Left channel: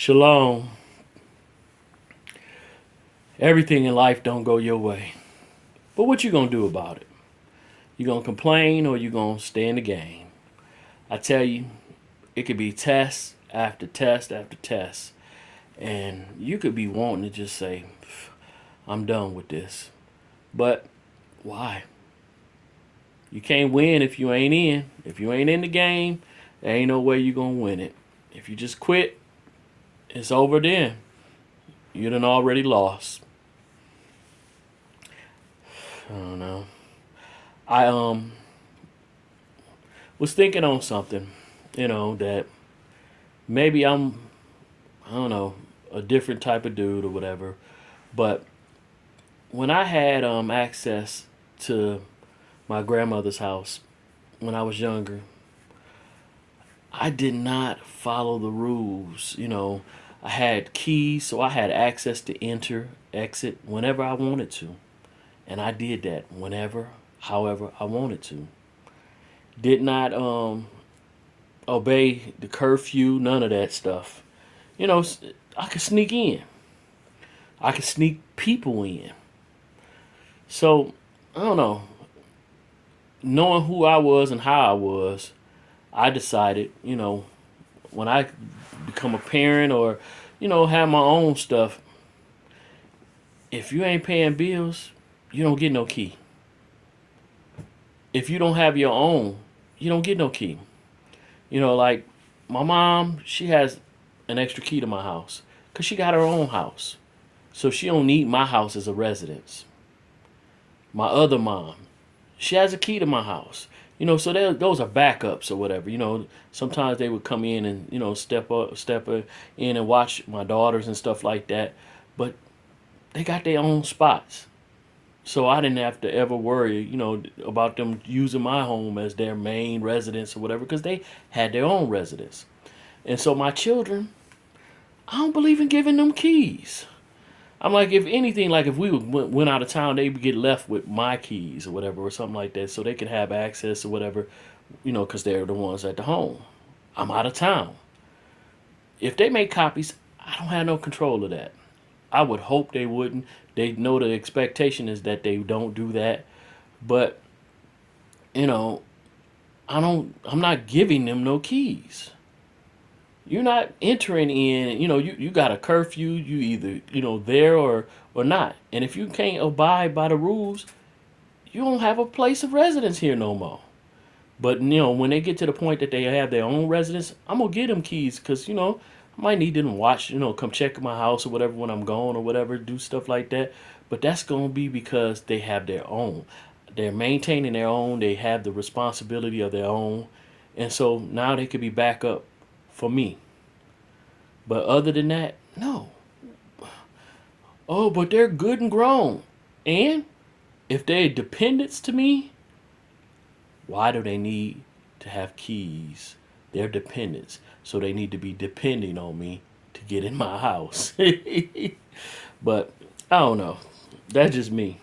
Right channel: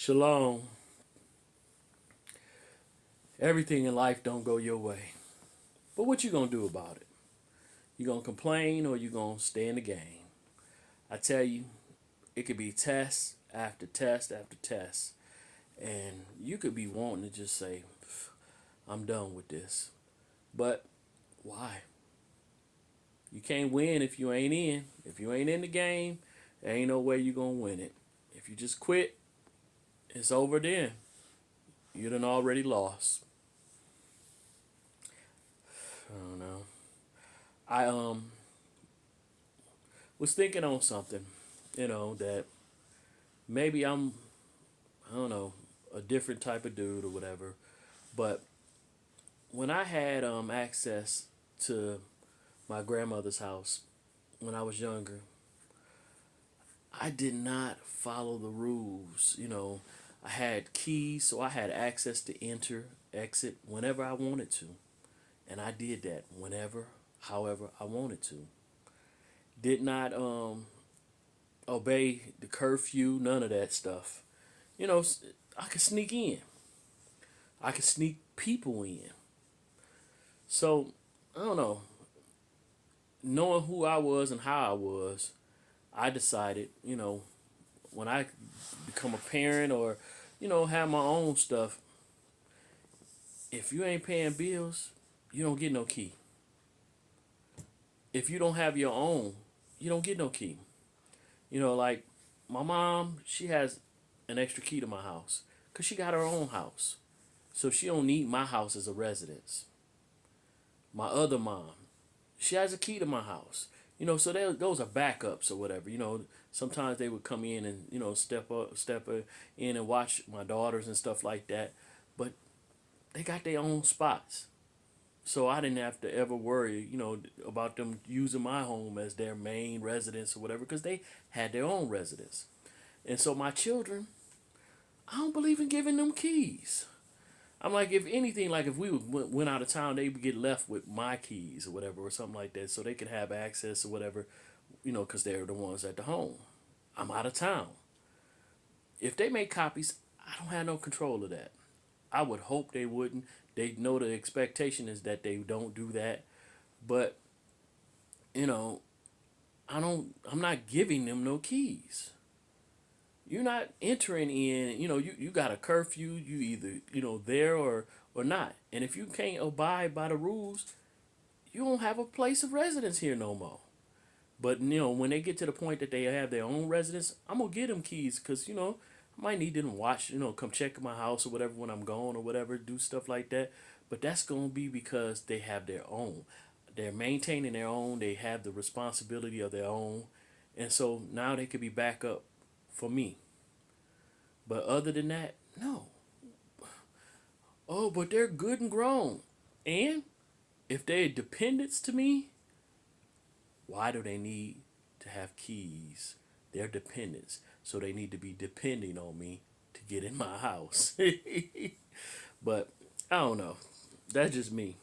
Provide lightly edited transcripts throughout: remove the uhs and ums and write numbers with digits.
Shalom. Everything in life don't go your way. But what you gonna do about it? You gonna complain or you gonna stay in the game? I tell you, it could be test after test after test. And you could be wanting to just say, I'm done with this. But why? You can't win if you ain't in. If you ain't in the game, there ain't no way you gonna win it. If you just quit, it's over then. You done already lost. I don't know. I was thinking on something, that maybe I don't know, a different type of dude or whatever. But when I had access to my grandmother's house when I was younger, I did not follow the rules. I had keys, so I had access to enter, exit whenever I wanted to. And I did that whenever, however I wanted to. Did not obey the curfew, none of that stuff. You know, I could sneak in. I could sneak people in. So, I don't know. Knowing who I was and how I was, I decided, when I become a parent or, have my own stuff, if you ain't paying bills, you don't get no key. If you don't have your own, you don't get no key. Like my mom, she has an extra key to my house because she got her own house. So she don't need my house as a residence. My other mom, she has a key to my house. So those are backups or whatever. Sometimes they would come in and step in and watch my daughters and stuff like that. But they got their own spots, so I didn't have to ever worry, about them using my home as their main residence or whatever, because they had their own residence. And so my children, I don't believe in giving them keys. I'm like, if anything, like if we went out of town, they would get left with my keys or whatever, or something like that, so they could have access or whatever, because they're the ones at the home. I'm out of town. If they make copies, I don't have no control of that. I would hope they wouldn't. They know the expectation is that they don't do that, but you know, I'm not giving them no keys. You're not entering in. You got a curfew. You either there or not. And if you can't abide by the rules, you don't have a place of residence here no more. But when they get to the point that they have their own residence, I'm gonna get them keys because I might need them to watch, come check my house or whatever when I'm gone or whatever, do stuff like that. But that's gonna be because they have their own. They're maintaining their own. They have the responsibility of their own, and so now they could be back up for me. But other than that, no. Oh, but they're good and grown, and if they're dependents to me, why do they need to have keys? They're dependents, so they need to be depending on me to get in my house. But I don't know. That's just me.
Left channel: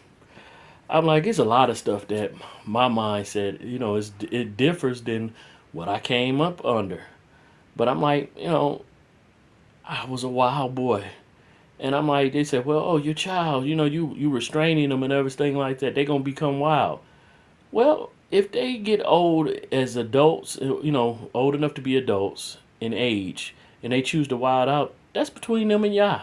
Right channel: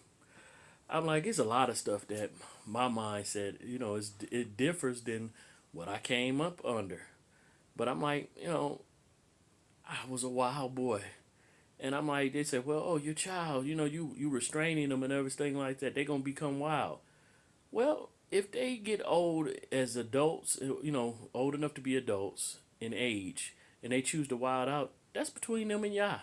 I'm like, it's a lot of stuff that my mind said, it differs than what I came up under. But I'm like, I was a wild boy. And I'm like, they said, well, oh, your child, you restraining them and everything like that. They're going to become wild. Well, if they get old as adults, old enough to be adults in age, and they choose to wild out, that's between them and Yah.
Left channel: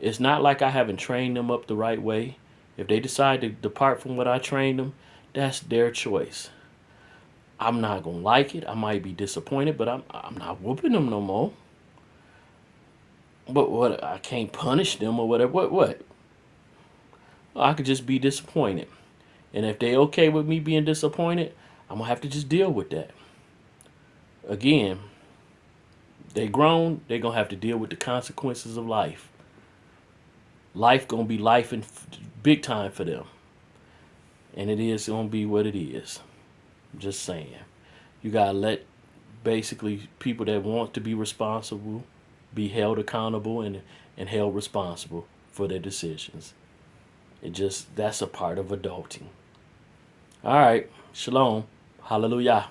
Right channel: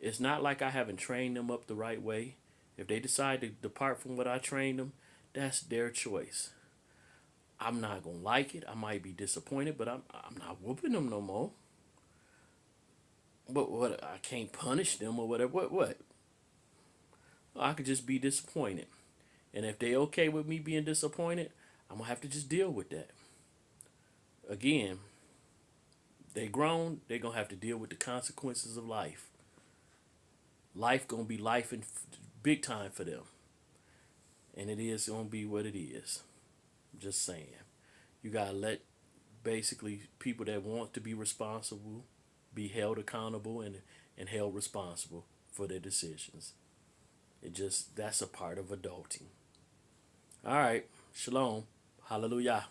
It's not like I haven't trained them up the right way. If they decide to depart from what I trained them, that's their choice. I'm not gonna like it. I might be disappointed, but I'm not whooping them no more. But what, I can't punish them or whatever. What? I could just be disappointed. And if they okay with me being disappointed, I'm gonna have to just deal with that. Again, they grown, they gonna have to deal with the consequences of life. Life gonna be life in big time for them. And it is gonna be what it is. I'm just saying. You gotta let basically people that want to be responsible be held accountable and held responsible for their decisions. That's a part of adulting. All right. Shalom. Hallelujah.